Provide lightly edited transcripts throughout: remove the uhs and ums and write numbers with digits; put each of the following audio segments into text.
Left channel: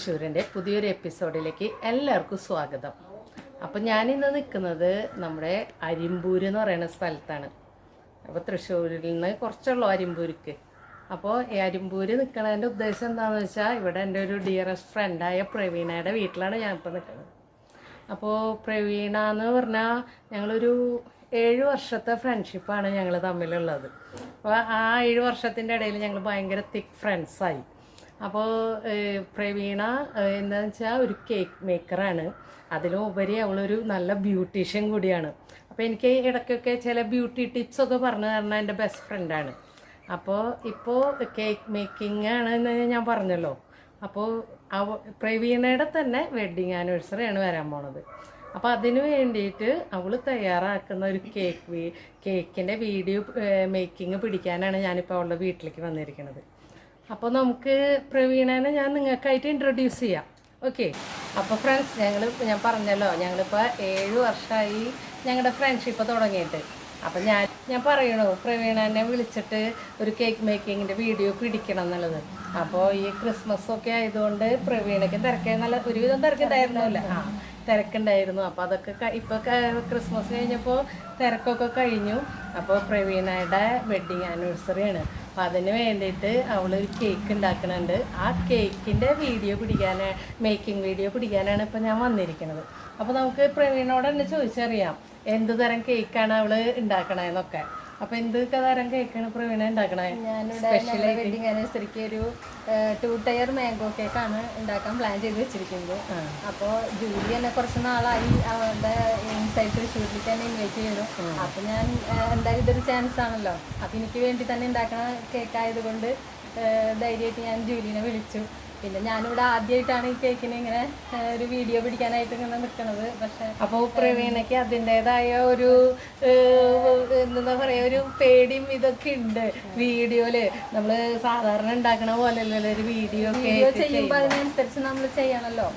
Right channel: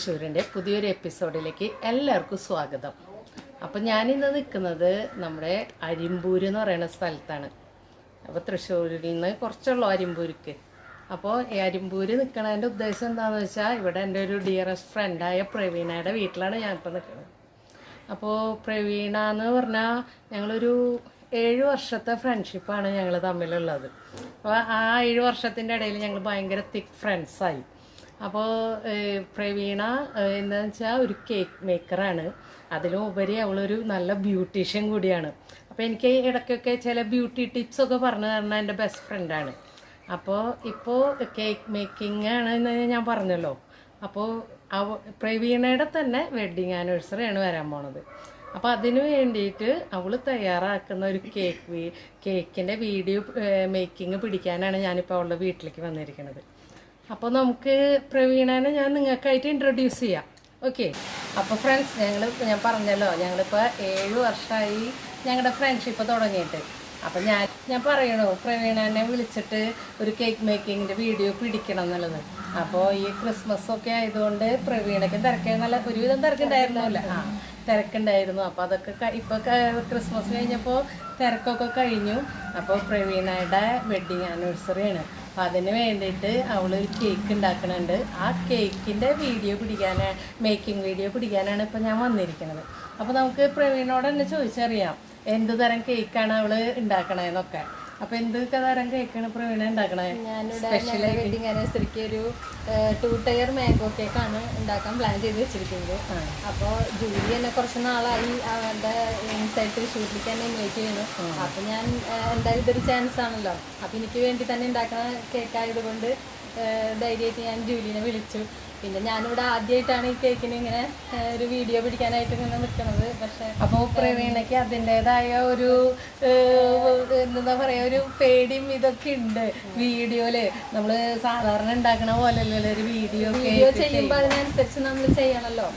തൃശ്ശൂരിൻ്റെ പുതിയൊരു എപ്പിസോഡിലേക്ക് എല്ലാവർക്കും സ്വാഗതം. അപ്പോൾ ഞാനിന്ന് നിൽക്കുന്നത് നമ്മുടെ അരിമ്പൂര് എന്ന് പറയുന്ന സ്ഥലത്താണ്. അപ്പോൾ തൃശ്ശൂരിൽ നിന്ന് കുറച്ചുള്ളൂ അരിമ്പൂർക്ക്. അപ്പോൾ ഈ അരിമ്പൂര് നിൽക്കണതിൻ്റെ ഉദ്ദേശം എന്താണെന്ന് വെച്ചാൽ, ഇവിടെ എൻ്റെ ഒരു ഡിയറസ്റ്റ് ഫ്രണ്ടായ പ്രവീണയുടെ വീട്ടിലാണ് ഞാനിപ്പോൾ നിൽക്കുന്നത്. അപ്പോൾ പ്രവീണ എന്ന് പറഞ്ഞാൽ ഞങ്ങളൊരു 7 വർഷത്തെ ഫ്രണ്ട്ഷിപ്പാണ് ഞങ്ങൾ തമ്മിലുള്ളത്. അപ്പോൾ ആ 7 വർഷത്തിൻ്റെ ഇടയിൽ ഞങ്ങൾ ഭയങ്കര തിക്ക് ഫ്രണ്ട്സായി. അപ്പോൾ പ്രവീണ എന്താണെന്ന് വെച്ചാൽ ഒരു കേക്ക് മേക്കറാണ്. അതിലും ഉപരി അവളൊരു നല്ല ബ്യൂട്ടീഷ്യൻ കൂടിയാണ്. അപ്പോൾ എനിക്ക് ഇടയ്ക്കൊക്കെ ചില ബ്യൂട്ടി ടിപ്സൊക്കെ പറഞ്ഞു തരുന്ന എൻ്റെ ബെസ്റ്റ് ഫ്രണ്ടാണ്. അപ്പോൾ ഇപ്പോൾ കേക്ക് മേക്കിംഗ് ആണെന്ന് ഞാൻ പറഞ്ഞല്ലോ. അപ്പോൾ പ്രവീണയുടെ തന്നെ വെഡ്ഡിങ് ആനിവേഴ്സറിയാണ് വരാൻ പോണത്. അപ്പോൾ അതിന് വേണ്ടിയിട്ട് അവൾ തയ്യാറാക്കുന്ന ഒരു കേക്കിൻ്റെ വീഡിയോ മേക്കിംഗ് പിടിക്കാനാണ് ഞാനിപ്പോൾ അവളുടെ വീട്ടിലേക്ക് വന്നിരിക്കുന്നത്. അപ്പോൾ നമുക്ക് പ്രവീണനെ ഞാൻ നിങ്ങൾക്കായിട്ട് ഇൻട്രൊഡ്യൂസ് ചെയ്യാം. ഓക്കെ. അപ്പോൾ ഫ്രണ്ട്സ്, ഞാൻ പറഞ്ഞല്ലോ, ഞങ്ങളിപ്പോൾ 7 വർഷമായി ഞങ്ങളുടെ ഫ്രണ്ട്ഷിപ്പ് തുടങ്ങിയിട്ട്. അപ്പം ഞാൻ പറയണോ, പ്രവീണനെ വിളിച്ചിട്ട് ഒരു കേക്ക് മേക്കിങ്ങിൻ്റെ വീഡിയോ പിടിക്കണം എന്നുള്ളത്. അപ്പോൾ ഈ ക്രിസ്മസ് ആയതുകൊണ്ട് പ്രവീണയ്ക്ക് ഒരുവിധം തിരക്കുണ്ടായിരുന്നല്ലോ. തിരക്കുണ്ടായിരുന്നു. അപ്പോൾ അതൊക്കെ ഇപ്പോൾ ക്രിസ്മസ് കഴിഞ്ഞപ്പോൾ തിരക്കൊക്കെ കഴിഞ്ഞു. അപ്പോൾ പ്രവീണയുടെ വെഡ്ഡിങ് ആനിവേഴ്സറിയാണ്. അപ്പോൾ അതിന് വേണ്ടിയിട്ട് അവളൊരു കേക്ക് ഉണ്ടാക്കുന്നുണ്ട്. ആ കേക്കിൻ്റെ മേക്കിംഗ് വീഡിയോ പിടിക്കാനാണ് ഇപ്പോൾ ഞാൻ വന്നിരിക്കുന്നത്. അപ്പോൾ നമുക്ക് പ്രവീണോട് തന്നെ ചോദിച്ചറിയാം എന്ത് തരം കേക്കാണ് അവൾ ഉണ്ടാക്കണേന്നൊക്കെ. അപ്പോൾ എന്ത് തരം കേക്കാണ് പ്രവീണ ഉണ്ടാക്കണേ? ഞാനിവിടെ വെഡിങ് ആനിവേഴ്സറിക്ക് ഒരു 2 ടയർ മാംഗോ കേക്കാണ് ഉണ്ടാക്കാൻ പ്ലാൻ ചെയ്ത് വെച്ചിരിക്കുന്നത്. അപ്പോൾ ജൂലി തന്നെ കുറച്ച് നാളായി അവരുടെ ഇൻസൈഡ് തൃശ്ശൂരിലേക്ക് തന്നെ ഇൻവൈറ്റ് ചെയ്തു. അപ്പോൾ ഞാൻ എന്തായാലും ഇതൊരു ചാൻസ് ആണല്ലോ. അപ്പോൾ എനിക്ക് വേണ്ടി തന്നെ ഉണ്ടാക്കുന്ന കേക്കായതുകൊണ്ട് ധൈര്യമായിട്ട് ഞാൻ ജൂലിനെ വിളിച്ചു. പിന്നെ ഞാനിവിടെ ആദ്യമായിട്ടാണ് ഈ കേക്കിന് ഇങ്ങനെ ഒരു വീഡിയോ പിടിക്കാനായിട്ട് ഇങ്ങനെ നിൽക്കുന്നത്. പക്ഷെ അപ്പോൾ പ്രവീണയ്ക്ക് അതിൻ്റെതായ ഒരു എന്താ പറയുക, ഒരു പേടിയും ഇതൊക്കെ ഉണ്ട്. വീഡിയോയില് നമ്മൾ സാധാരണ ഉണ്ടാക്കണ പോലെയല്ലല്ലോ ഒരു വീഡിയോ ചെയ്യുമ്പോൾ അതിനനുസരിച്ച് നമ്മൾ ചെയ്യണമല്ലോ.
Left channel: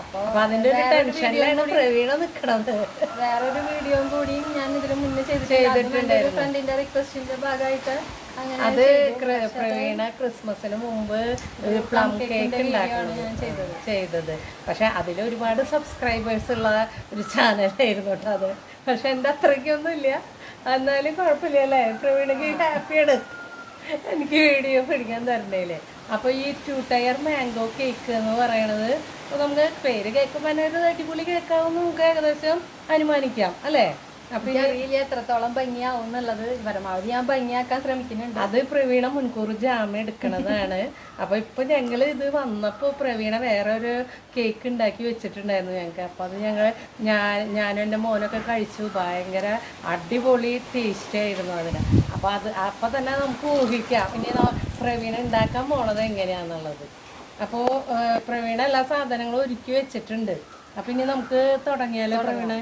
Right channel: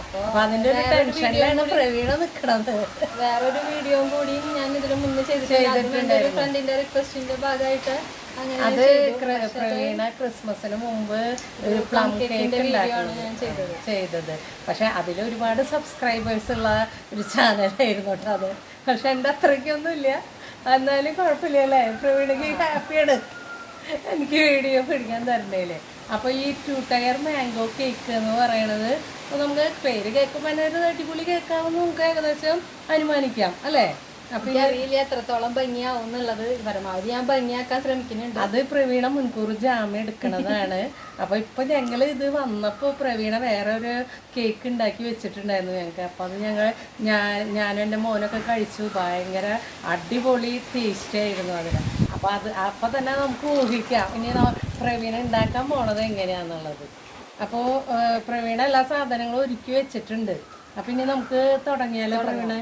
അപ്പോൾ അതിന്റെ ഒരു ടെൻഷനിലാണ് പ്രവീണ നിൽക്കണത്. വേറൊരു വീഡിയോയും കൂടിയും ഞാൻ ഇതിന് മുന്നേ ചെയ്തിട്ടുണ്ട്. ഒരു ഫ്രണ്ടിന്റെ റിക്വസ്റ്റിന്റെ ഭാഗമായിട്ട് അത് പ്രവീണ ക്രിസ്മസിന് മുമ്പ് ഒരു പ്ലം കേക്ക് ചെയ്തത്. പക്ഷെ അതിൽ ഒരുപാട് സബ്സ്ക്രൈബേഴ്സ് ഉള്ള ഒരു ചാനലായിരുന്നു കേട്ടോ അത്. പക്ഷെ എൻ്റെ അത്രയ്ക്കൊന്നുമില്ല. എന്നാലും കുഴപ്പമില്ല അല്ലേ? പ്രവീണയ്ക്ക് ഹാപ്പിയാണ് എനിക്ക് വീഡിയോ പിടിക്കാൻ തരണ്ടേലേ. അപ്പോൾ ഈ 2 ടയർ മാംഗോ കേക്ക് എന്ന് പറയണത് നമുക്ക് പേര് കേൾക്കുമ്പോൾ തന്നെ ഒരു അടിപൊളി കേക്കാവുന്ന നമുക്ക് ഏകദേശം അനുമാനിക്കാം അല്ലേ? അപ്പൊ അറിയില്ല എത്രത്തോളം ഭംഗിയാവും എന്നുള്ളത്. പരമാവധി ഞാൻ ഭംഗിയാക്കാൻ ശ്രമിക്കുന്നുണ്ട്. അത് പ്രവീണ മുൻകൂർ ജാമ്യം എടുക്കണതാണ്. അപ്പൊ ഇപ്പൊ ഞങ്ങള് ഇത് വന്നപ്പോ പ്രവീണ വേറെ ഒരു കേക്ക് ഉണ്ടാക്കി വെച്ചിട്ടുണ്ടായിരുന്നു ഞങ്ങൾക്ക്. അപ്പൊ അത് ഞാനും എൻ്റെ മോനൊക്കെ കഴിച്ചു. ഭയങ്കര അടിപൊളി ടേസ്റ്റ് ആയിരുന്നു അതിന്. അപ്പൊ തന്നെ നമുക്ക് ഊഹിക്കാം ഇനി പ്രവീണ ഉണ്ടാക്കാൻ പോണത് എങ്ങനെയാന്നുള്ളത്. അപ്പോൾ പ്രവീണ എല്ലാ സാധനങ്ങളും ഒരുക്കി വെച്ചിട്ടുണ്ട്. അപ്പൊ ഇനി നമുക്ക് തുടങ്ങിയാലോ പ്രവീണ?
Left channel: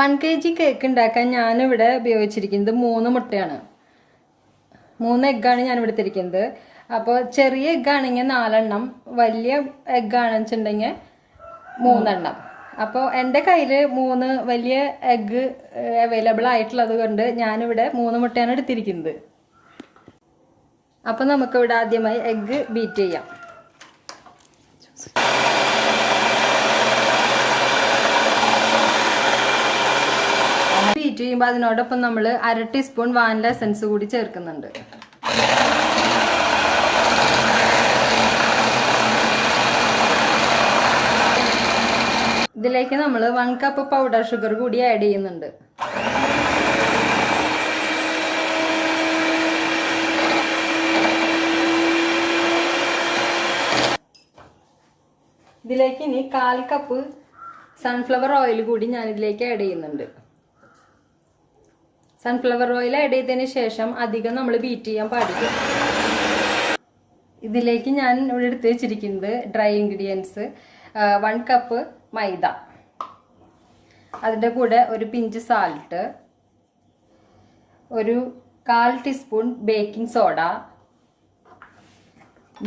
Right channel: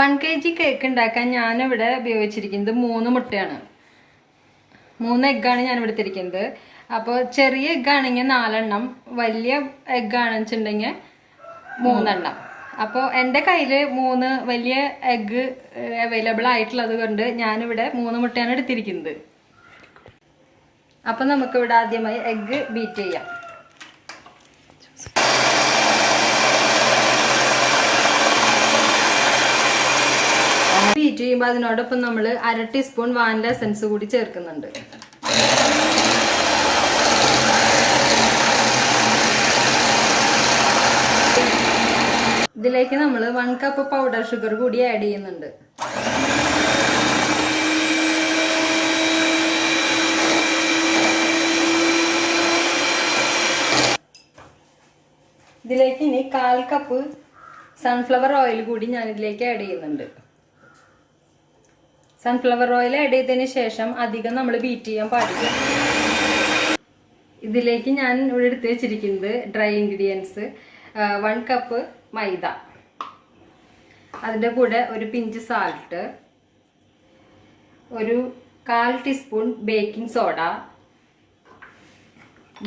1 kg കേക്ക് ഉണ്ടാക്കാൻ ഞാനിവിടെ ഉപയോഗിച്ചിരിക്കുന്നത് 3 മുട്ടയാണ്. 3 എഗ്ഗാണ് ഞാനിവിടെ എടുത്തിരിക്കുന്നത്. അപ്പോൾ ചെറിയ എഗ്ഗാണെങ്കിൽ 4 എണ്ണം, വലിയ എഗ്ഗാണെന്ന് വെച്ചിട്ടുണ്ടെങ്കിൽ 3 എണ്ണം. അപ്പോൾ എൻ്റെ കയ്യിൽ 3 വലിയ എഗ്ഗ് അവൈലബിൾ ആയിട്ടുള്ളത് കൊണ്ട് ഞാനിവിടെ 3 മുട്ടയാണ് എടുത്തിരിക്കുന്നത്. അപ്പം നമുക്കിവിടെ ആദ്യമായി എഗ്ഗ് ബീറ്റ് ചെയ്യാം. ബീറ്റ് ചെയ്യുമ്പോൾ അതിനോടൊപ്പം നമ്മൾ 1/2 ടീസ്പൂൺ വാനില എസൻസ് കൂടി ചേർക്കുന്നുണ്ട്. ഇതിലേക്ക് നമ്മൾ 1 കപ്പ് പൗഡർ ഷുഗർ കൂടി ആഡ് ചെയ്യുന്നുണ്ട്. ഇതിലേക്ക് ഇനി 1/4 കപ്പ് സൺഫ്ലവർ ഓയിൽ കൂടി ഞാൻ ഇതിലേക്ക് ആഡ് ചെയ്യുന്നുണ്ട്. സൺഫ്ലവർ ഓയിൽ ആഡ് ചെയ്തതിന് ശേഷം അധികം നമ്മൾ ബീറ്റ് ചെയ്യാൻ പാടില്ല. ഇതിലേക്ക് ഞാൻ ഇവിടെ എടുത്ത് വെച്ചിരിക്കുന്നത് ഡ്രൈ ഇൻഗ്രീഡിയൻസ് 1 കപ്പ് മൈദ, അതിൻ്റെ കൂടെ ഒരു പിഞ്ച് സാൾട്ട്, ഒരു 1/4 teaspoon baking soda,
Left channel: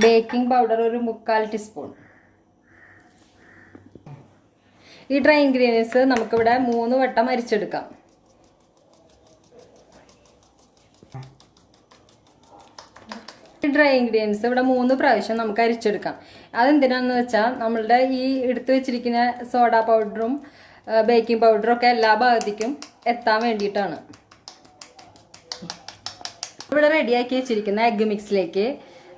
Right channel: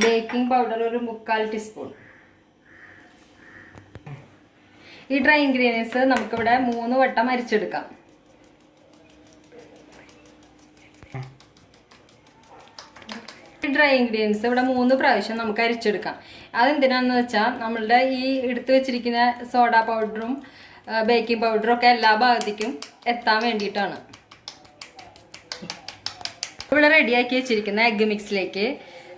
baking powder ഒരു 3/4 ടീസ്പൂൺ. ഈ ഡ്രൈ ഇൻഗ്രീഡിയൻസ് നമുക്കിവിടെ 3 വട്ടം അരിച്ചെടുക്കാം. ഡ്രൈ ഇൻഗ്രീഡിയൻസ് ഇവിടെ 3 പ്രാവശ്യം നമുക്ക് അരിച്ചെടുക്കാം. അതെന്തിനാന്ന് വെച്ചാൽ നമ്മളുടെ ഈ എടുത്തു വെച്ചിരിക്കുന്ന സോഡ പൗഡറും ബേക്കിംഗ് പൗഡറും ഒക്കെ എല്ലാ ഭാഗത്തേക്കും എത്താൻ വേണ്ടിയിട്ടാണ്. ഇവിടെ റെഡിയാക്കി വെച്ചിരിക്കുന്ന എഗ്ഗ് മിക്സിലേക്ക്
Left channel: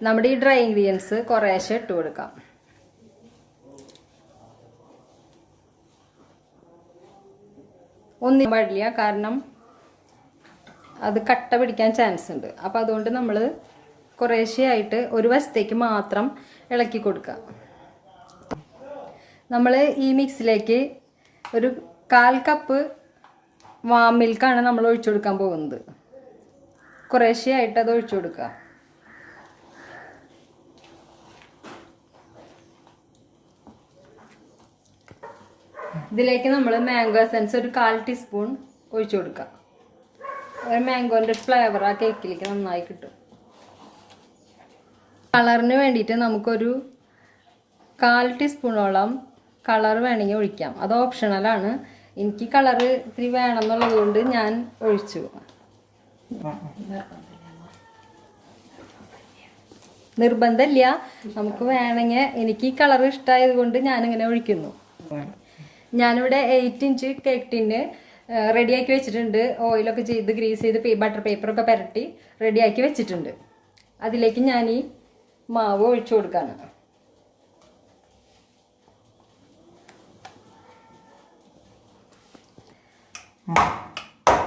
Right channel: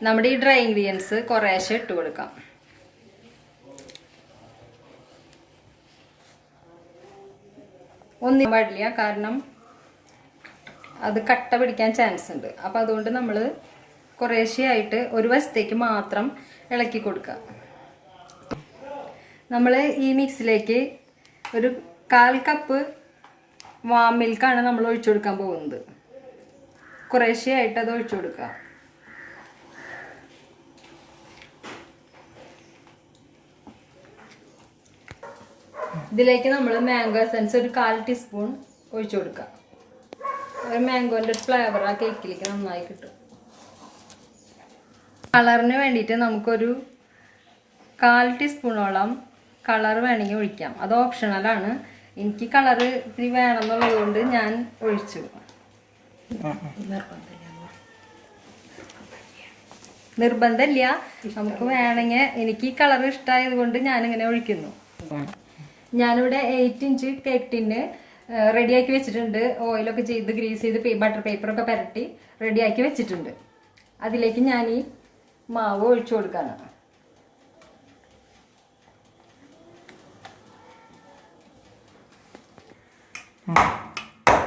നമ്മുടെ ഈ ഡ്രൈ ഇൻഗ്രീഡിയൻസ് കുറേശ്ശെ ഇട്ട് കൊടുക്കാം. ഒന്നും പാടില്ല, കാരണം അത് കട്ട പിടിക്കാൻ ചാൻസ് ഉണ്ട്. അപ്പം അതുകൊണ്ട് നമ്മൾ കുറേശ്ശെയായിട്ട് ഒരു വശത്തേക്ക് മാത്രം ഇളക്കി കൊടുക്കുക. നമ്മൾ ഈ മിക്സിലേക്ക് ഒരു 1/4 കപ്പ് വാം മിൽക്കാണ് നമ്മൾ ഒഴിച്ചു കൊടുക്കാൻ പോകുന്നത്. കുറേശ്ശെയായിട്ട് അത് ഒഴിച്ചു കൊടുക്കുക. ഇതിലേക്ക് നമ്മൾ മാംഗോ എസൻസ് ഒരു 1/4 ടീസ്പൂൺ ഒഴിച്ചു കൊടുക്കുക. ഒരു മാംഗോൻ്റെ ഫ്ലേവർ ആ കേക്കിലേക്ക് നന്നായി കിട്ടും. കളറിന് വേണ്ടിയിട്ട് നമുക്കൊരു 1/4 ടീസ്പൂണോളം കളർ വേണമെങ്കിൽ ഒഴിക്കാം. അത് ഓപ്ഷണലാണ്. എനിക്ക് കളറ് ഇത്തിരി വേണമെന്നുള്ളത് കൊണ്ട് ഞാൻ ഒഴിച്ചു. നിർബന്ധമില്ല, നമുക്ക് വേണമെങ്കിൽ. എനിക്ക് ഈ കളർ ഇഷ്ടമായത് കൊണ്ട് ഞാനിങ്ങനെ ഒഴിക്കുന്നു. ഞാനിവിടെ 8 ഇഞ്ച് കേക്ക് ടിന്ന് റെഡിയാക്കി വെച്ചിട്ടുണ്ട്. ഓയിലൊക്കെ ചെയ്ത് ഗ്രീസ് ചെയ്ത് ബട്ടർ പേപ്പറൊക്കെ പുരട്ടി റെഡിയാക്കി വെച്ചിട്ടുണ്ട്. അതിലേക്ക് ഞാൻ ഈ മാവ് ഒഴിച്ചു കൊടുക്കാണ്.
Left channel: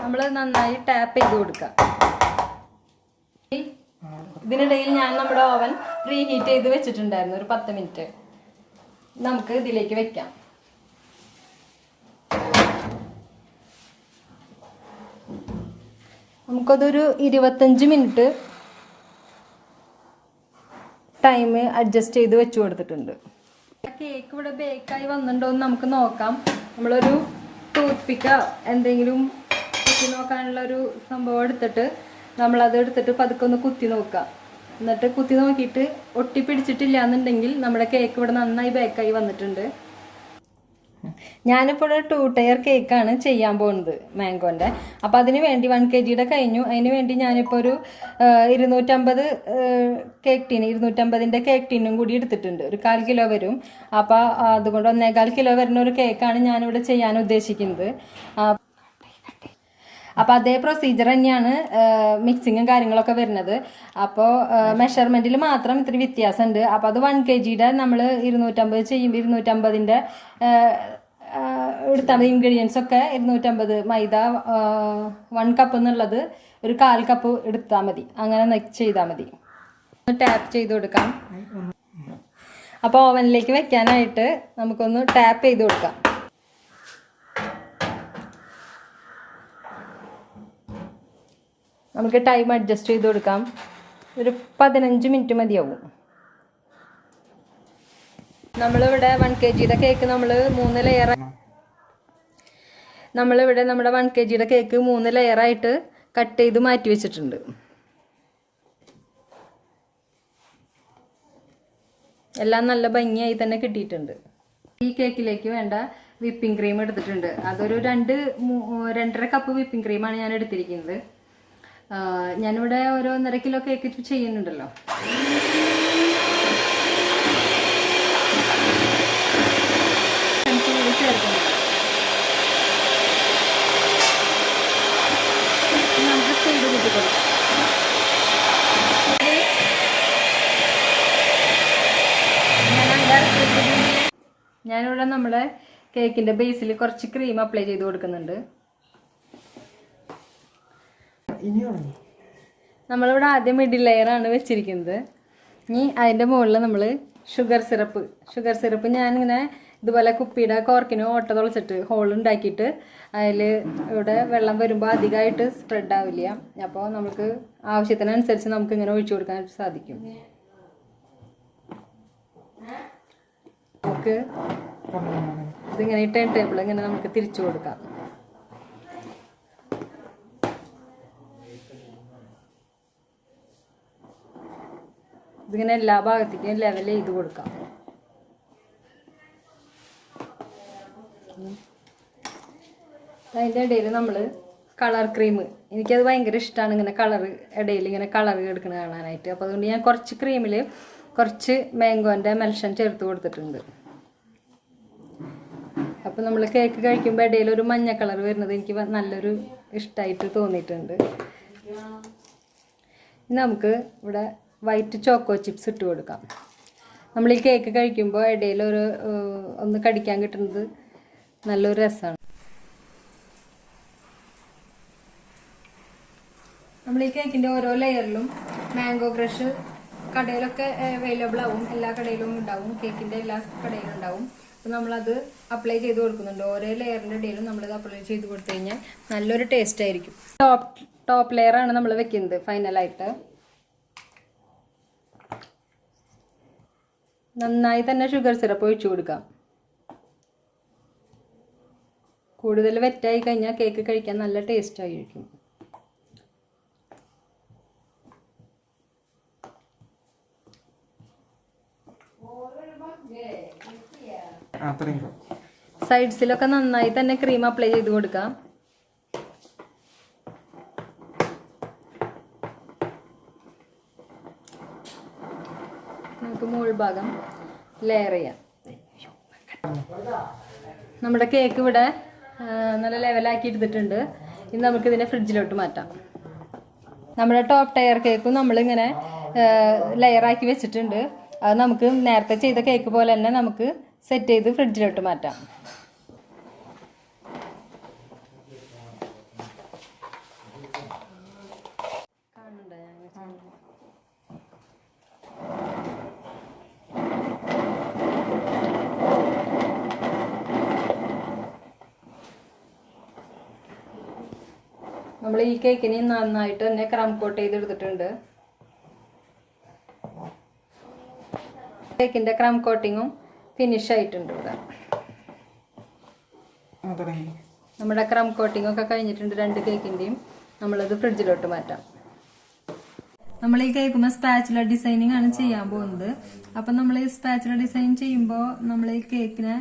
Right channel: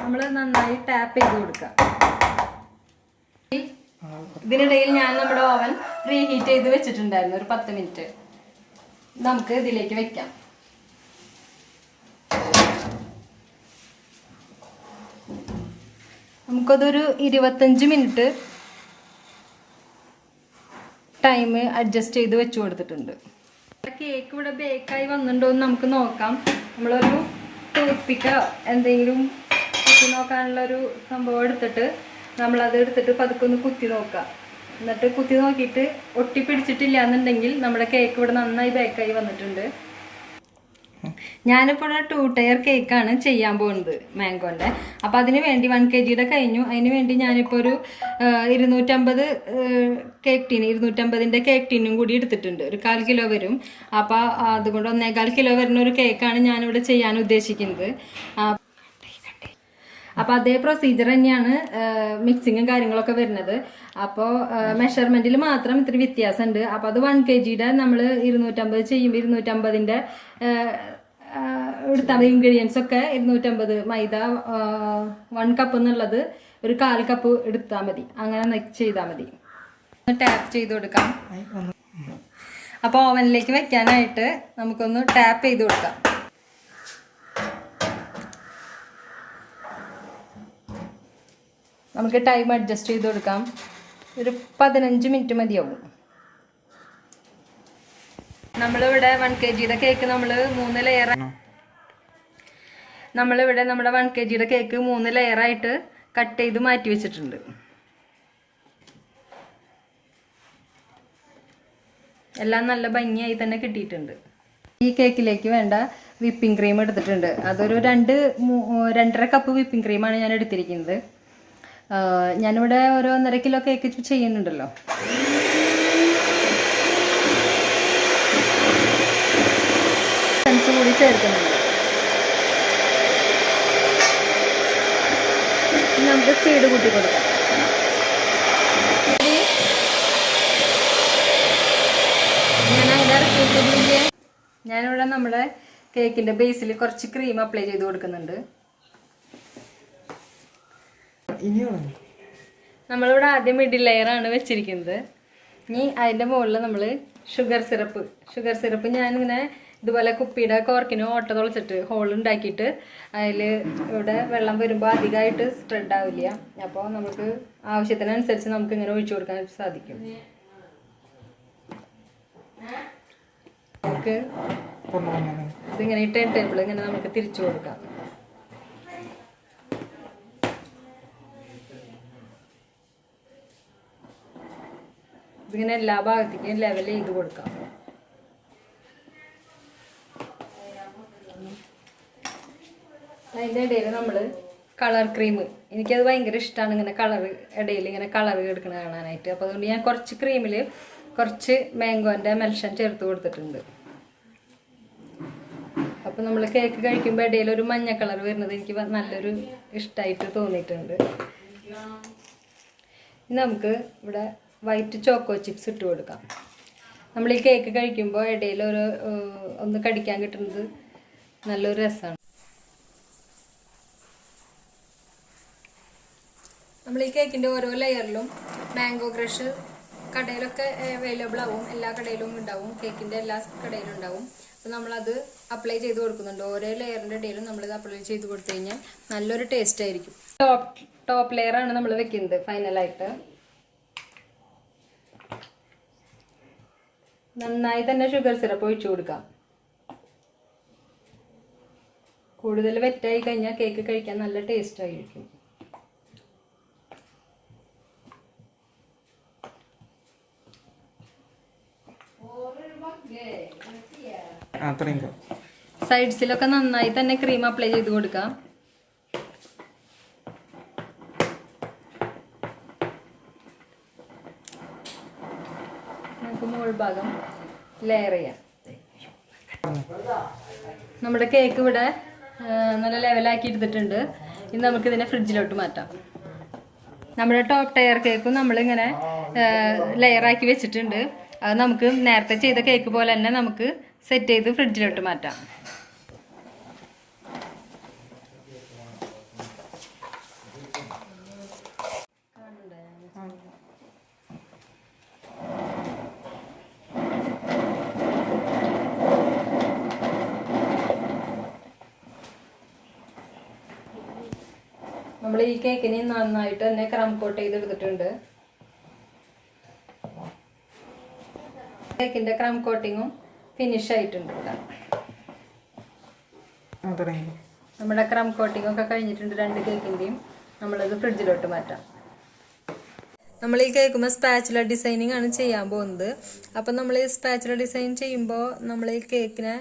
നമ്മൾ നന്നായി ടാപ്പ് ചെയ്ത് കൊടുക്കാം. ഇതിനിടയിൽ ഞാൻ നമ്മുടെ ഓവൻ റീഹീറ്റ് ചെയ്ത് വെച്ചിട്ടുണ്ടായിരുന്നു ഒരു 10 മിനിറ്റ്. നമുക്ക് ഇതിലേക്ക് വെക്കാം. നമുക്കതൊരു 25 മിനിറ്റ് ടൈം അഡ്ജസ്റ്റ് ചെയ്ത് വെച്ച് കൊടുത്തിട്ടുണ്ട്. കേക്ക് ഇവിടെ ബേക്കായി വന്നിട്ടുണ്ടോ എന്ന് നമുക്ക് നോക്കാം. നമ്മളൊരു ടൂത്ത് പിക്കോ എന്തെങ്കിലും കുത്തി നോക്കാനുള്ളൊരു സംഭവം എടുത്തിട്ട് നമ്മളത് എടുത്തിട്ട് പതുക്കെ ഒന്ന് കുത്തി നോക്കാം. എന്നിട്ട് കുത്തി നോക്കിയിട്ട് ഒട്ടിപ്പിടിച്ചിട്ടില്ല എന്നുണ്ടെങ്കിൽ നമ്മുടെ കേക്ക് ഇവിടെ നന്നായി ബേക്കായി വന്നിട്ടുണ്ട്. ഞാനിപ്പോൾ 2 ടയർ കേക്കാണ് ചെയ്യാൻ പോകുന്നത് മാംഗോൻ്റെ. അപ്പോൾ അതിന് വേണ്ടി 1 kg കഴിഞ്ഞു. അതിന് വേണ്ടി ഞാനിപ്പോൾ ഒരു 250 കേക്ക് ടീൻ 250ൻ്റെ കേക്ക് ടീനും കൂടി എടുത്തിട്ടുണ്ട്. ഒരു 1/4 കിലോ വരും. അപ്പോൾ അതുകൊണ്ട് 1.25 കിലോ വരുന്ന ഒരു കേക്കാണ് ഞാനിവിടെ ചെയ്യാൻ ഉദ്ദേശിക്കുന്നത്. അപ്പോൾ അതേ പ്രൊസീജിയർ തന്നെയാണ് മിക്സിങ്ങും കാര്യങ്ങളൊക്കെ വരുന്നത്. അപ്പോൾ മെഷർമെൻറ്റിൽ മാത്രം ഇത്തിരി വ്യത്യാസമുണ്ട്. അപ്പോൾ അത് 1 kg നമ്മൾ 250 ചെയ്യുമ്പോൾ 250ൻ്റെ എടുത്താൽ മതി. ഇൻഗ്രീഡിയൻസ് ഒക്കെ 250 മൈദ 1 കപ്പ് എന്നുള്ളത് ഒരു 1/4 കപ്പ് എടുത്താൽ മതി. അങ്ങനെ ചെയ്താൽ മതി. ടാപ്പ് ചെയ്ത് കൊടുക്കാം. അപ്പോൾ ഓവനിലേക്ക് വെക്കാനായിട്ട് നമുക്കൊന്ന് ടാപ്പ് ചെയ്ത് കൊടുക്കാം. നമുക്ക് ടൈം അഡ്ജസ്റ്റ് ചെയ്ത് കൊടുക്കാം. ഒരു 15 മിനിറ്റ് മതിയാവും. നമ്മളിവിടെ 1 kg കേക്ക് നമ്മൾ 3 ലെയർ നമ്മളിവിടെ നമ്മുടെ 1 kg കേക്ക് 3 ലെയറായിട്ട് കട്ട് ചെയ്ത് മാറ്റി വെച്ചിട്ടുണ്ട്. എല്ലാം നല്ല ഭംഗിയായി തന്നെ കിട്ടിയിട്ടുണ്ട്. ഈ കേക്കിലേക്ക് വേണ്ട വിപ്പിംഗ് ക്രീം എടുത്തിട്ടുണ്ട്. അതൊരു 2.5 കപ്പ് വിപ്പിംഗ് ക്രീമാണ് ഞാൻ എടുത്തിരിക്കുന്നത്. ഞാനിവിടെ ഒരു 1.5 കിലോ കേക്ക് ചെയ്യുന്നുണ്ടല്ലോ. കൂടി ചേർക്കുന്നുണ്ട്. നമുക്ക് സ്പീഡ് കൂട്ടി കൊടുക്കാം. ഞാനിവിടെ നമ്മുടെ കേക്കിൻ്റെ ബേസിൽ കുറച്ച് ക്രീം അപ്ലൈ ചെയ്ത് കൊടുക്കുന്നുണ്ട്. നമ്മളിവിടെ ആദ്യം മിഡിൽ ലെയറാണ് വെച്ചിരിക്കുന്നത്. ഇനി അതിൻ്റെ മുകളിൽ നമ്മൾ ഷുഗർ സിറപ്പ് ഞാനിങ്ങനെ ഇതുപോലെ കുപ്പിയുടെ കോർക്കിന് ഓട്ട തുളച്ചിട്ട് ഹോൾ ഉണ്ടാക്കിയിട്ട് അതിൽ ഇവിടെ വെള്ളം വരുമ്പോൾ അധികമായിട്ട് സ്പ്രെഡ് ആവില്ല. അപ്പോൾ നമുക്ക് ആവശ്യത്തിനനുസരിച്ച് നമുക്ക് ഇങ്ങനെ ഒഴിച്ചു കൊടുക്കാൻ സാധിക്കും. നമുക്ക് ഇതിങ്ങനെ ഈ ടൈം ടേബിൾ ഇങ്ങനെ നമുക്ക് തിരിച്ചു കൊടുക്കാം. ഇതിങ്ങനെ എല്ലാ ഭാഗത്തേക്കും ലെവൽ ചെയ്ത് കൊടുക്കാം. അതിൻ്റെ ഇടയിൽ നമ്മൾ കളർ ക്രീം. എനിക്കത് ഭയങ്കര ഇഷ്ടമാണ്, ഇങ്ങനെ കളർ ഇടയിൽ ഇങ്ങനെ കളർ എടുക്കുന്നത് കാണാനായിട്ട്. അപ്പോൾ അതുകൊണ്ട് ഞാൻ കുറച്ച് ക്രീമിൽ കുറച്ച് മാംഗോൻ്റെ മെൽഷൻ ചേർത്ത് കൊടുത്തിട്ടുണ്ട്. അപ്പോൾ നമ്മൾ കേക്ക് കഴിക്കുമ്പോൾ ഇടയിൽ ഒരു മഞ്ഞ കളർ വരുന്നത് എനിക്ക് നല്ലൊരു ഇഷ്ടമായിട്ട് തോന്നിയിട്ടുണ്ട്. ഇനി നമുക്ക് ഇവിടെ വൈറ്റ് ചോക്കോ ചിപ്സ് ഇട്ട് കൊടുക്കാം. നമ്മൾ ഈ കേക്ക് കഴിക്കുമ്പോൾ ഇടയിൽ ഒന്ന് കടിക്കാൻ കിട്ടുന്നത് നല്ലൊരു രസമാണ്. നമ്മൾ ഈ കേക്കിൻ്റെ ഓരോ ലെയറിലും മാംഗോ ക്രഷ് കടയിലൊക്കെ അവൈലബിൾ ആവും, എല്ലാ കടയിലും ഉണ്ടാവും, കേക്കിൻ്റെ എല്ലാ കടയിലും ഉണ്ടാവും. അപ്പോൾ നമ്മളത് അപ്ലൈ ചെയ്ത് കൊടുക്കുന്നുണ്ട്. ഓരോ ലെയറിൻ്റെ ഇടയിലും നമ്മളത് അപ്ലൈ ചെയ്ത് കൊടുത്തു കഴിഞ്ഞാൽ നല്ലൊരു ടേസ്റ്റ് ആയിരിക്കും. ടോപ്പ് ലെയറാണ് നമ്മൾ വെക്കുന്നത് ഫൈനലായിട്ട്. നന്നായി തന്നെ ഷുഗർ സിറപ്പ് ഒഴിച്ചു കൊടുക്കാം. കൂടുതൽ വെറ്റായി കഴിഞ്ഞാൽ കേക്ക് കഴിക്കാൻ നല്ല ടേസ്റ്റ് ആയിരിക്കും. സൈഡ്സിലൊക്കെ നന്നായി തന്നെ ക്രീം അപ്ലൈ ചെയ്ത് കൊടുക്കാം. നമുക്ക് മുകൾ ഭാഗം ലെയർ ചെയ്യാം. നമ്മുടെ കേക്ക് ഇവിടെ നല്ല ലെവലാക്കി എടുത്തിട്ടുണ്ട്. ഇനി നമുക്കിതിനെ ഫ്രിഡ്ജിലോട്ട് മാറ്റാം. നമ്മുടെ ടോപ്പ് ടയർ കേക്കും നമ്മളിങ്ങനെ ലെയറാക്കി വെച്ചിട്ടുണ്ട്. അത് നമുക്ക് നേരത്തെ ചെയ്ത കേക്ക് പോലെ തന്നെ നമുക്ക് സെറ്റ് ചെയ്ത് ഫ്രിഡ്ജിലോട്ട് മാറ്റാം. നമ്മൾ ഈ കേക്കിനെ നന്നായിട്ട് തന്നെ ക്രം കോട്ട് ചെയ്തെടുത്തിട്ടുണ്ട്. കേക്കിന്റെ ക്രം കോട്ടിങ്ങും ഫിനിഷ് ആയിട്ടുണ്ട്. നമ്മുടെ ക്രം കോട്ടിംഗ് ഒക്കെ കഴിഞ്ഞിട്ടുണ്ട് രണ്ട് കേക്കിന്റെയും. നമ്മളത് ഫ്രിഡ്ജിലോട്ട് മാറ്റാം. നമ്മൾ ഈ കേൾക്കുമ്പോൾ സ്പാച്ചുല ഡിസൈനിങ് ആണ് ചെയ്യാൻ പോകുന്നത്. അപ്പം നമ്മൾ ഈ സ്പാച്ചുല ഡിസൈൻ ചെയ്യുമ്പോൾ നമ്മൾ ഈ കേക്കിനെ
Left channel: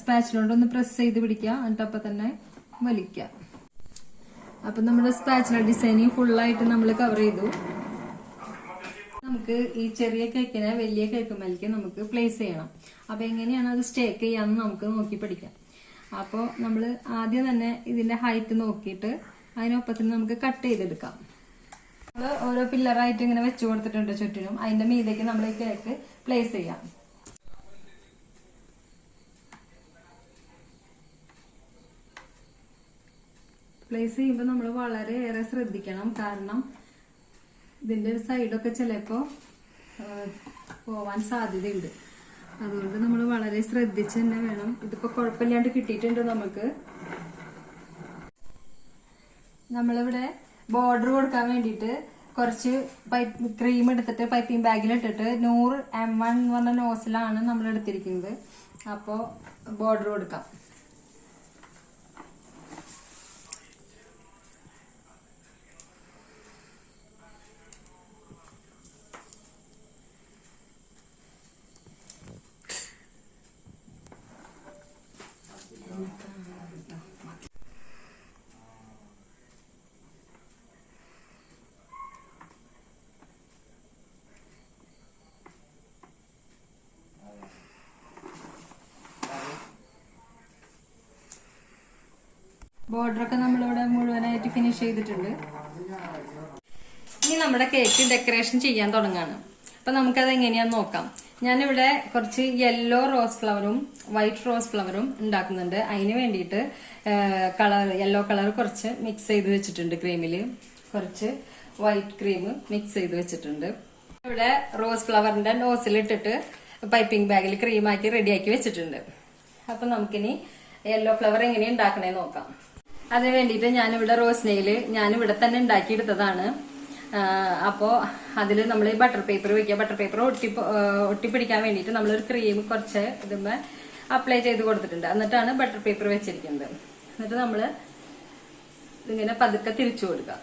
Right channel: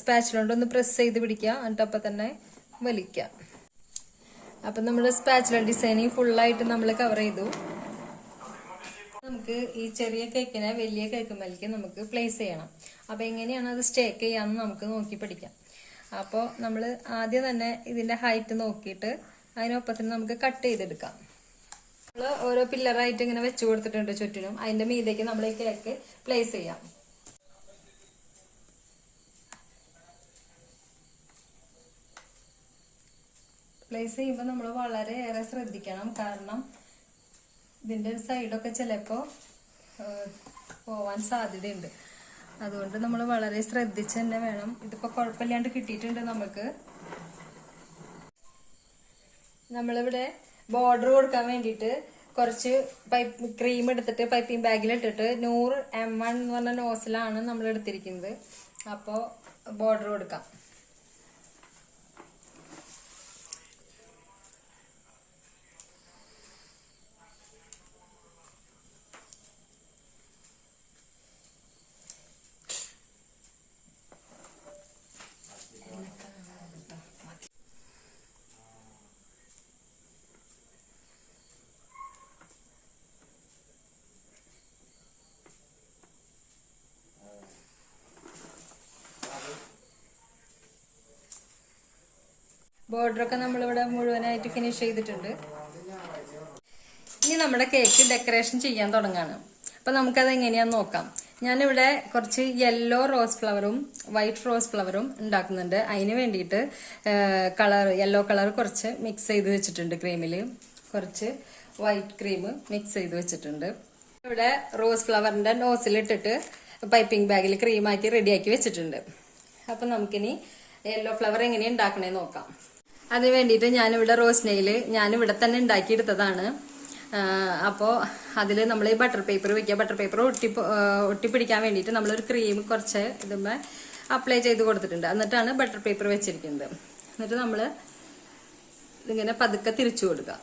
സ്പാച്ചുല കൊണ്ട് ഒന്ന് പ്രസ് ചെയ്ത് പിടിക്കുക, എന്നിട്ട് അപ്പം തന്നെ വലിക്കുക. അപ്പം നമ്മുടെ സ്പാച്ചുല ഡിസൈനിങ് ഫുള്ളായിട്ട് നമ്മൾ കവർ ചെയ്തു. നമുക്ക് ഈ ചെറിയ കേക്കിനെ വലിയ കേക്ക് മേലേക്ക് നമുക്ക് പ്ലേസ് ചെയ്യണം. അപ്പോൾ എങ്ങനെയാണ് അത് സ്റ്റേക്ക് ചെയ്യാമെന്ന് നമുക്ക് നോക്കി പഠിക്കാം. അപ്പോൾ നമ്മൾ ആദ്യം തന്നെ ഇതിൻ്റെ ഹൈറ്റ് നോക്കിയിട്ട് അതിനൊപ്പത്തിന് നമുക്ക് കട്ട് ചെയ്തെടുക്കാം. നമ്മൾ ഓരോ പില്ലറായിട്ട് ഇങ്ങനെ വെച്ച് കൊടുത്തിട്ടുണ്ട് ചുറ്റിനും. അതിൻ്റെ മീതേക്ക് നമ്മൾ ഈ കേക്ക് പ്ലേസ് ചെയ്യാം. പ്ലേസ് ചെയ്യുമ്പോൾ നമ്മൾ വളരെയേറെ ശ്രദ്ധിക്കണം. കാരണം ഇതിൻ്റെ സൈഡൊക്കെ ചിലപ്പോൾ പോവാൻ സാധ്യതയുണ്ട്. അതുകൊണ്ട് നമ്മൾ വളരെ ശ്രദ്ധിച്ച് തന്നെ വേണം. ഇതിപ്പോൾ കുഴപ്പമില്ലാണ്ട് കിട്ടിയിട്ടുണ്ട്. നമ്മളിവിടെ ബോർഡർ കൊടുക്കാൻ വേണ്ടിയിട്ട് കുറച്ച് ക്രീം എടുത്തിട്ട് പൈപ്പിംഗ് ബാഗിലിട്ടിട്ട് 100 M1 എന്ന് പറഞ്ഞ നോസിലാണ് നമ്മൾ എടുത്തിരിക്കുന്നത്. അപ്പോൾ ബോർഡർ കൊടുക്കാം. ബോർഡറൊക്കെ നമ്മളിവിടെ മുഴുവനായിട്ട് ഫിനിഷ് ചെയ്തിട്ടുണ്ട്. ഇനി നമ്മുടെ കേക്ക് ഡെക്കറേഷൻ ചെയ്യാൻ തുടങ്ങാണ്. അപ്പം നമുക്കത് എങ്ങനെയാന്ന് നോക്കാം. ഞാനിവിടെ കുറച്ച് യെല്ലോ റോസ് ഫ്ലവറും വൈറ്റ് റോസ് ഫ്ലവറും ഉണ്ടാക്കുന്നുണ്ട്. അതിന് വേണ്ടിയിട്ട് യെല്ലോ കളർ കുറച്ച് മിക്സ് ചെയ്ത് വെച്ചിട്ടുണ്ട്. ക്രീമിൽ കുറച്ച് വൈറ്റ് ക്രീം മിക്സ് ചെയ്ത് വെച്ചിട്ടുണ്ട്. ഇവിടെ റോസ് ഫ്ലവറിന്റെ നോസിലിട്ടിട്ട് പൈപ്പിംഗ് ബാഗിൽ ക്രീമാക്കി റെഡിയാക്കി വെച്ചിട്ടുണ്ട്. അപ്പം നമുക്കിനി യെല്ലോ ഫ്ലവർ എങ്ങനെ ഉണ്ടാക്കണേന്ന് നോക്കാം. അതിന് വേണ്ടിയിട്ട് ഞാനിവിടെ റോസ് നെയിൽ ഞാനിവിടെ തന്നെ ഉണ്ടാക്കിയെടുത്തതാണ്. അപ്പോൾ അതിൽ നമ്മൾ ഈ ബട്ടർ പേപ്പർ വെക്കുക. ബട്ടർ പേപ്പർ ഒട്ടിപ്പിടിക്കാൻ വേണ്ടിയിട്ട് നമ്മളൊരു ക്രീം കുറച്ച് ഇതുമ്പോൾ അപ്ലൈ ചെയ്ത് കൊടുത്തിട്ടുണ്ട്. എന്നിട്ടാണ് ബട്ടർ പേപ്പർ വെച്ചിരിക്കുന്നത്. എന്നിട്ട് നമ്മൾ ഇതിങ്ങനെ പതുക്കെ തിരിച്ചു കൊടുക്കുക.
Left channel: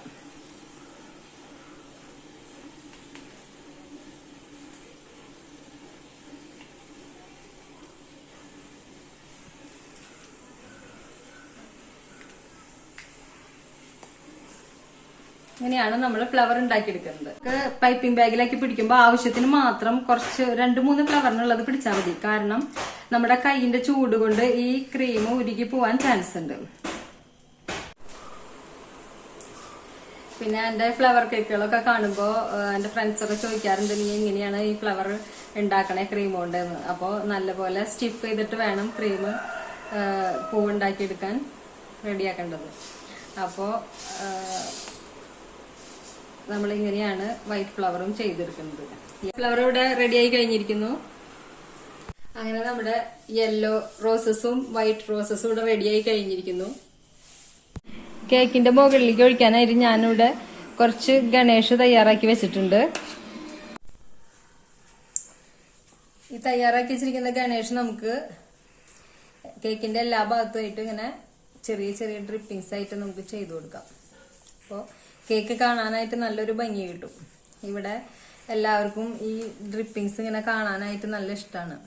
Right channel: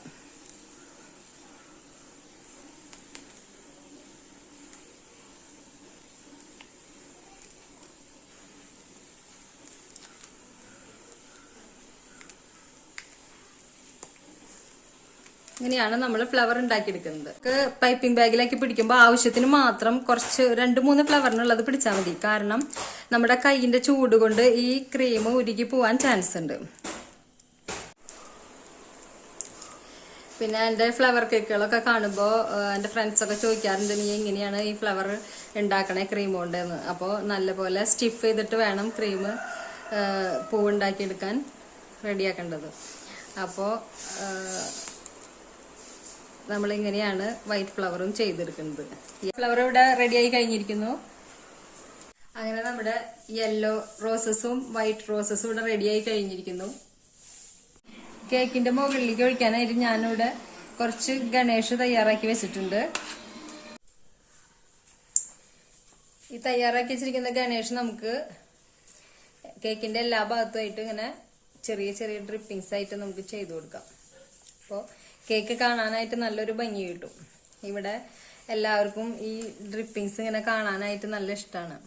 ഇങ്ങനെയാണ് നമ്മൾ ഫ്ലവർ ഉണ്ടാക്കിയെടുക്കുന്നത്. പൈപ്പിംഗ് ബാഗിലാക്കി പിടിക്കുമ്പോൾ ആവശ്യത്തിന് മാത്രം കുറച്ച് 2-3 ഫ്ലവറിനുള്ളത് പിടിച്ചാൽ മതി. കാരണം നമ്മുടെ കൈയിന്റെ ചൂട് കൊണ്ട് ഈ ക്രീം ഉരുകി പോവാൻ ചാൻസ് ഉണ്ട്. പിന്നെ എൻ്റെ ഫ്ലവർ കേക്കുകളൊക്കെ കാണുമ്പോൾ എൻ്റെ ഫ്രണ്ട്സൊക്കെ ചോദിക്കാറുണ്ട്, നീ എങ്ങനെയാണ് ഈ ഫ്ലവർ ഉണ്ടാക്കണേ ക്രീം കൊണ്ടെന്ന്. അപ്പോൾ നല്ലപോലെ സ്റ്റിഫ് ചെയ്തിട്ട് വേണം ക്രീം പൂവുണ്ടാക്കിയെടുക്കാൻ റെഡിയാക്കേണ്ടത്. അപ്പോൾ നമ്മളിങ്ങനെയാണ് വൈറ്റ് ഫ്ലവറും ചെയ്തെടുക്കുന്നത്. ഫ്ലവർ ഇവിടെ റെഡിയായി കഴിഞ്ഞിരിക്കുന്നു. അങ്ങനെ നമ്മുടെ യെല്ലോ റോസസും വൈറ്റ് റോസസും ഇവിടെ റെഡിയായി കഴിഞ്ഞിരിക്കുന്നു. കേക്കിന്റെ മുകളിലേക്ക് ഒഴിക്കാനായിട്ട് ഞാനിവിടെ കുറച്ച് ഗണേഷ് തയ്യാറാക്കി വെച്ചിട്ടുണ്ട്. ഈ തയ്യാറാക്കി വെച്ചിരിക്കുന്ന ഗണേഷ് നമുക്ക് കേക്കിന്റെ എല്ലാ ഭാഗത്തുമായിട്ട് ഇങ്ങനെ ചെറിയ ചെറിയ ഡ്രിപ്പിങ്സ് ആയിട്ട് നമുക്ക് ചെയ്തു കൊടുക്കാം. അപ്പോൾ കേക്ക് കാണാനായിട്ട് നല്ലൊരു ഭംഗി കിട്ടും. ഇവിടെ എല്ലാവർക്കും ഈ ഡ്രിപ്പിങ്സ് ഇങ്ങനെ കാണാനായിട്ട് നല്ല ഇഷ്ടമാണ്.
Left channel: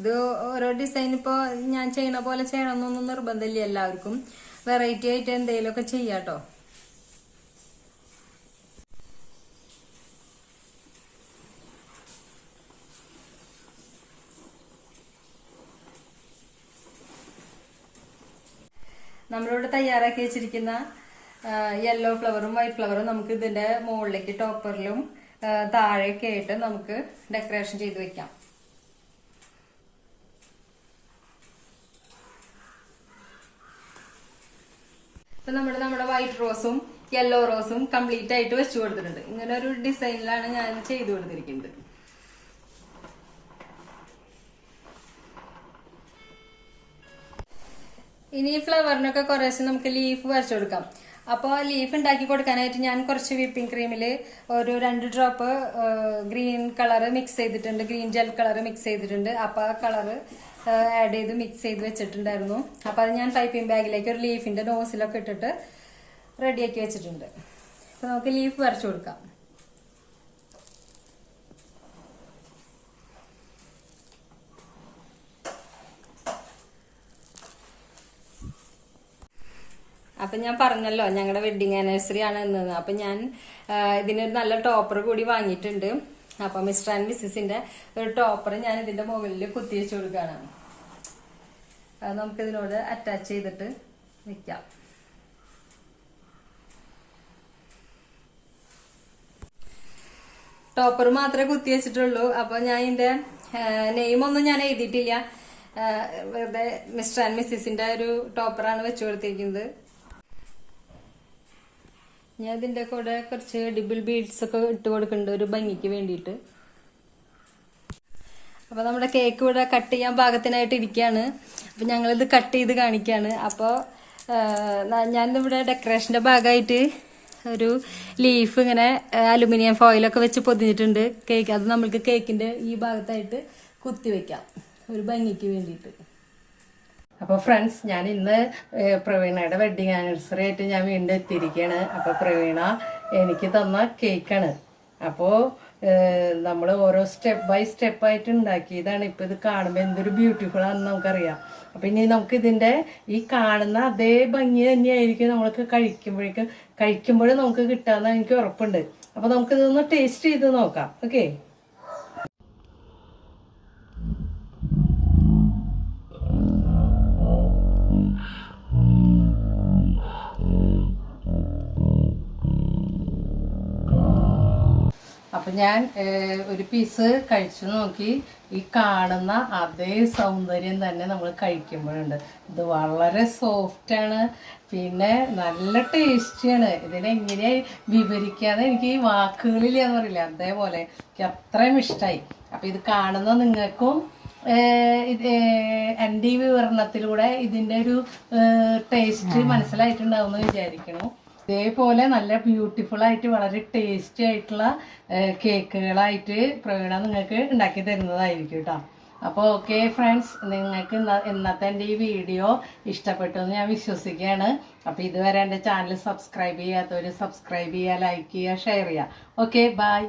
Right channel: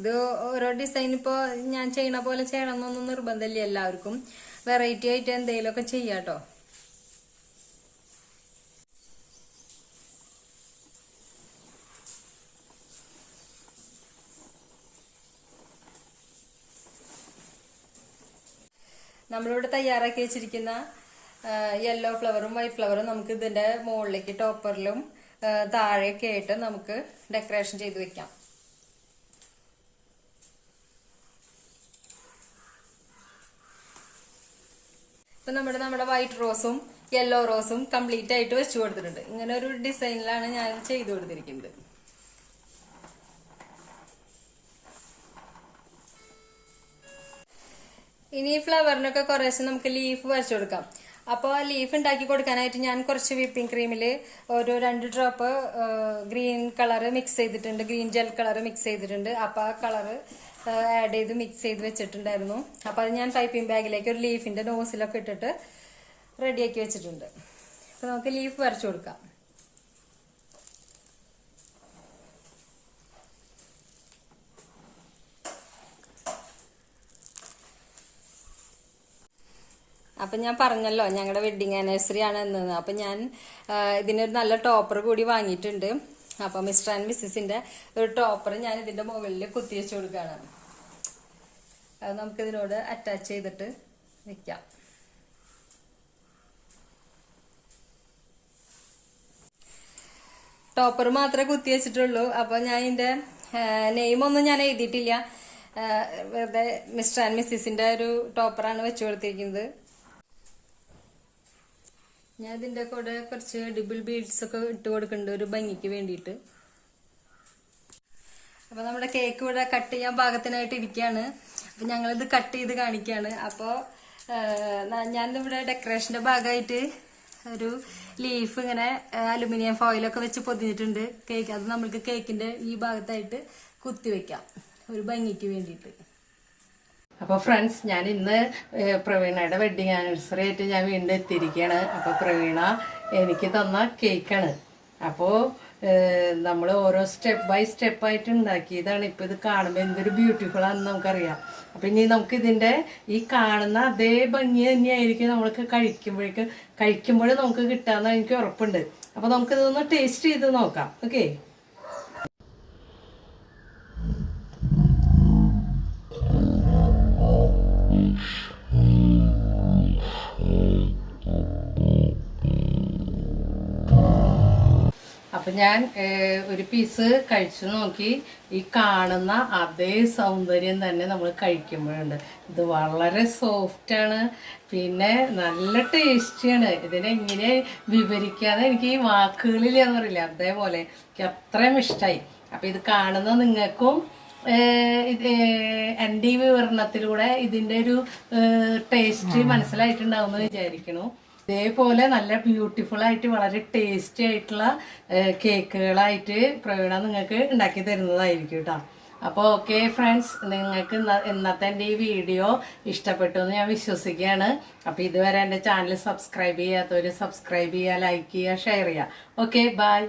ഇത് ഓരോ ഡിസൈൻ ഇപ്പൊ ഞാൻ ചെയ്യണ പോലെ ചെയ്യണമെന്നൊന്നും നിർബന്ധമില്ല. എല്ലാവർക്കും വെറൈറ്റി ആയിട്ട് എന്തെങ്കിലുമൊക്കെ ചെയ്യാട്ടോ. നമ്മളിവിടെ തയ്യാറാക്കി വെച്ചിരിക്കുന്ന യെല്ലോ ഫ്ലവറും വൈറ്റ് ഫ്ലവറും നമുക്ക് ഇതിന്റെ മുകളിലേക്ക് ടോപ്പറിലും താഴെയൊക്കെ ആയിട്ട് നമുക്ക് ഡെക്കറേഷൻ ചെയ്ത് വെക്കാം. ഇപ്പൊ നമ്മുടെ വൈറ്റ് റോസും യെല്ലോ റോസും കംപ്ലീറ്റ് ആയിട്ട് വെച്ചു കൊടുത്തിട്ടുണ്ട്. ഇങ്ങനെ ഒരു ഡിസൈനിലാണ് ഞാൻ ചെയ്തു കൊടുത്തിരിക്കുന്നത്. ഇനി ഈ ഫ്ലവറിനൊക്കെ കുറേശ്ശെ നമുക്ക് ലീഫ് വരച്ചു കൊടുക്കാം. അപ്പോൾ ആ ലീഫ് ഉണ്ടാക്കി കൊടുക്കാനായിട്ട് ഞാൻ കുറച്ച് വിപ്പിംഗ് ക്രീമില് ഒരു 2 ഡ്രോപ്പ് ഗ്രീൻ കളർ മിക്സ് ചെയ്തിട്ടുണ്ട്, ഗ്രീൻ ജെൽ കളർ മിക്സ് ചെയ്തിട്ടുണ്ട്. അപ്പൊ ആ കളറ് ആഡ് ചെയ്ത് മിക്സ് ചെയ്ത് വെച്ചിട്ടുണ്ടായിരുന്നു. അപ്പൊ അത് ഞാൻ പൈപ്പിംഗ് ബാഗിലേക്ക് ഒരു ലീഫിന്റെ നോസിലൊക്കെ ഇട്ടിട്ട് റെഡിയാക്കി വെച്ചിട്ടുണ്ട്. അപ്പൊ നമുക്ക് ലീഫ് വരച്ചു കൊടുക്കാം. അപ്പൊ ഞാൻ പറഞ്ഞല്ലോ ഞങ്ങളുടെ വെഡിങ് ആനിവേഴ്സറി ആണ് എന്ന്. അപ്പൊ ഞാൻ ഇതിനൊരു നല്ല ടോപ്പർ കൂടി വാങ്ങിയിട്ടുണ്ട്. അപ്പൊ മിസ്റ്റർ ആൻഡ് മിസ്സിന്റെ ഒരു ടോപ്പർ ഞാൻ ഇതിന്റെ മുകളിൽ കുത്തിവെച്ചു കൊടുക്കുകയാണ്. അത് നമുക്ക് ഇതിനോട് അറ്റാച്ച് ചെയ്തിട്ട് വെക്കാം. ടോപ്പർ മാത്രമേ കുത്തി വെച്ചിട്ടുള്ളൂ. അപ്പൊ ഞാൻ ഇതിന്റെ നെയിമൊന്നും ഞാൻ എഴുതിയിട്ടില്ല. വെറുതെ മിസ്റ്റർ ആൻഡ് മിസ്സിന്റെ ഒരു ടോപ്പറാണ് വെച്ചു കൊടുത്തിരിക്കുന്നത്. ഞാൻ ഇതിന്റെ കൂടെ കുറച്ച് ഡിബിൾ ബീഡ്സ് ഒക്കെ ഇട്ട് കൊടുക്കുന്നുണ്ട് ഒരു ഭംഗിക്ക് വേണ്ടിയിട്ട്. അപ്പൊ നമ്മുടെ കേക്ക് ഇവിടെ കട്ട് ചെയ്യാൻ പാകത്തിനായിട്ട് ഇരിക്കുകയാണ്. അപ്പൊ ഞങ്ങളിത് കട്ട് ചെയ്ത് കാണിക്കുകയാണ്. അപ്പോൾ ഞാനിവിടെ ഡെക്കറേഷന്റെ ഭാഗമായിട്ട് ഒരു ലീഫ് ഇങ്ങനെ അലുമിനിയം ഫോയിലൊക്കെ വെച്ച് പൊതിഞ്ഞിട്ടുണ്ട് കേക്ക്. അത് നമ്മൾക്ക് കേക്കിന്റെ ഈ ഭാഗത്തായിട്ട് കുത്തി വെക്കാം ഒരു ഭംഗിക്ക് വേണ്ടിയിട്ട്. അപ്പോൾ ഫ്രണ്ട്സ്, ഞാൻ ഇന്ന് പ്രവീണയുടെ വെഡിങ് ആനിവേഴ്സറി ആയിട്ട് ഞാൻ വീണ്ടും എത്തിയിരിക്കുകയാണ്. അപ്പോൾ പ്രവീണ എനിക്ക് തന്ന കേക്കാണ്. അപ്പോൾ നമ്മൾ ഓരോ സ്റ്റെപ്പ് ബൈ സ്റ്റെപ്പ് ആയിട്ട് ഉണ്ടാക്കിയതാണ്. ഇപ്പം ഇത് കാണുമ്പോൾ എന്തൊരു ബ്യൂട്ടിഫുൾ ആണെന്ന് നമുക്കറിയാം. അപ്പം ഇനി നമുക്ക് ഇതിൻ്റെ ഈ കാണുന്ന അതേ ഭംഗി തന്നെയായിരിക്കും നമ്മൾക്ക് കഴിക്കുമ്പോഴും നമുക്ക് കിട്ടാമെന്ന് എനിക്ക് ഉറപ്പുണ്ട്. അപ്പോൾ നമുക്കിതൊന്ന് ടേസ്റ്റ് ചെയ്ത് നോക്കാം. ഓക്കെ. അപ്പം ഞാൻ ഒരു പീസ് കഴിച്ചു നോക്കി. ഈ കാണുന്ന അതേ സൗന്ദര്യം തന്നെ നമ്മൾ കഴിക്കുമ്പോഴുണ്ട്. ഇത് വളരെ സോഫ്റ്റാണ്, പിന്നെ നല്ല ടേസ്റ്റിയാണ്. ഇതിനെങ്ങനെ വിവരിക്കാതെ എനിക്ക് ഈ വാക്കുകളില്ലാന്ന് പറയില്ല, അതേപോലെ എനിക്ക് അത്രയും ഇഷ്ടമായി. അപ്പം ഇത് കാണുന്ന നിങ്ങൾക്കും എൻ്റെ ഈ വിവരണത്തിലൂടെ ഇതിൻ്റെ ഒരു ടേസ്റ്റ് മനസ്സിലായിട്ടുണ്ടാവും എന്ന് വിചാരിക്കുന്നു. ഇതേപോലെ നല്ല ബ്യൂട്ടിഫുൾ ആയിട്ട് വളരെ ടേസ്റ്റി ആയിട്ടുള്ള കേക്കുകളായിട്ട് പ്രവീണ നിങ്ങൾക്ക് ഉണ്ടാക്കി തരുന്നതായിരിക്കും കേട്ടോ. അപ്പോൾ ഓക്കെ ഫ്രണ്ട്സ്, നിങ്ങൾക്ക് ഇന്നത്തെ എൻ്റെ ഈ വീഡിയോ ഇഷ്ടപ്പെട്ടു എന്ന് ഞാൻ വിശ്വസിക്കുകയാണ്. അപ്പോൾ ഇതുവരെ എൻ്റെ ചാനൽ സബ്സ്ക്രൈബ് ചെയ്യാത്തവർ സബ്സ്ക്രൈബ് ചെയ്യുക, ലൈക്ക് ചെയ്യുക, ഷെയർ ചെയ്യുക. Okay, by.